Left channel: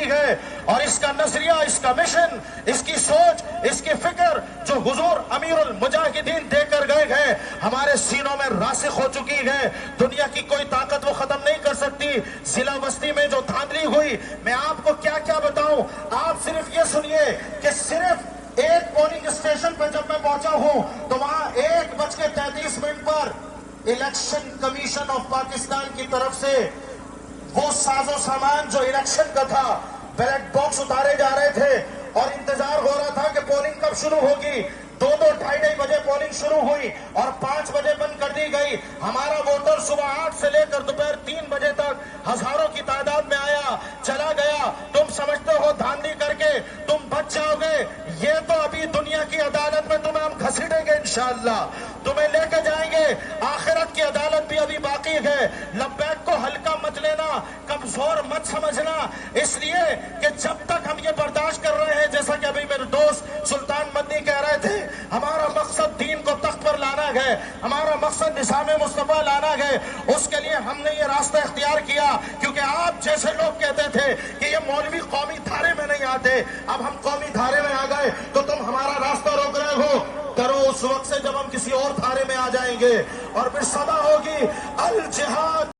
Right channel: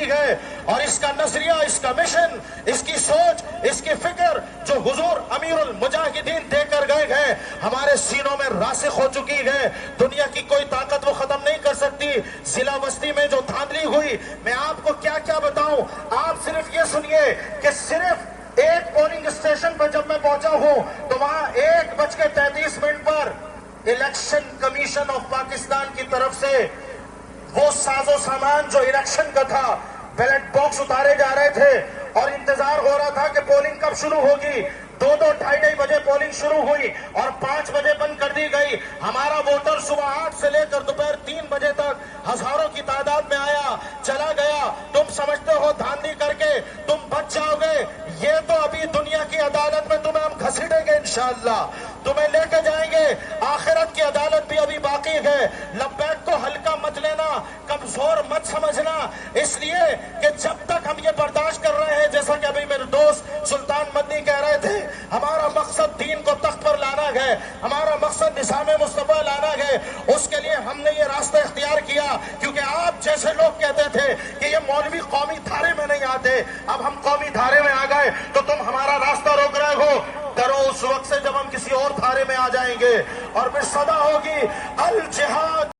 کی ہے، اور اس کا نظریہ، اس کا مشن، اس کی سوچ، اس کی فکر جو حضور امیر المجاہدین دے کر گئے ہیں ہمارے سینوں میں راسخ ہو چکی ہے۔ دنیا کی کوئی طاقت وہ ختم نہیں کر سکتی۔ ضلع بستی میں جو دھاندلی ہوئی، میں آپ کو کیا کیا بتاؤں، آپ صرف یہ سنیے کہ صرف ایک پولنگ اسٹیشن پر جب میں پہنچا ہوں تو وہاں 1:33 پر الیکشن کمیشن آف پاکستان کی طرف سے وہ ساز و سامان جو الیکشن کا تھا، بیلٹ باکس اتارے جا رہے تھے اور انتظار ہو رہا تھا کہ پولنگ کب شروع ہوگی۔ 2-2 بجے پولنگ شروع ہوئی اور 5 بجے بند کر دی گئی۔ ہمارا ووٹر صبح 8 سے لے کر دوپہر 3 بجے تک ہزاروں کی تعداد میں آیا، چلا گیا۔ تم سمجھتے ہو دھاندلی کر کے تم بچ جاؤ گے؟ یہ تو ابھی دنیا کی عدالت میں تمہیں ہم گھسیٹیں گے انشاءاللہ، تمہیں لے کے جائیں گے۔ آخرت کی عدالت بھی ابھی باقی ہے۔ لبیک کو ہلکا مت لینا، کمزور مت سمجھنا، اس لیے کہ جب تک ہم یہ برداشت کر رہے ہیں، جیسا کہ ابھی میرے دوست سلطان مدنی کہہ رہے تھے، ہمارا مقصد دین کو تخت پر لانا ہے، ہمارا مقصد نظام مصطفیٰ لانا ہے۔ اس کے لیے ہم نے یہ راستہ اختیار کیا، کیونکہ آپ جیسے لوگ کہتے تھے کہ یہ مولوی قومی دھارے میں نہیں آتے، اب ہم قومی دھارے میں آ گئے تو تم ہمارا راستہ روک رہے ہو۔ ڈرو اس وقت سے جب ہم کسی اور دھارے میں آ جائیں گے، اور پھر صدا ہوگی الجہاد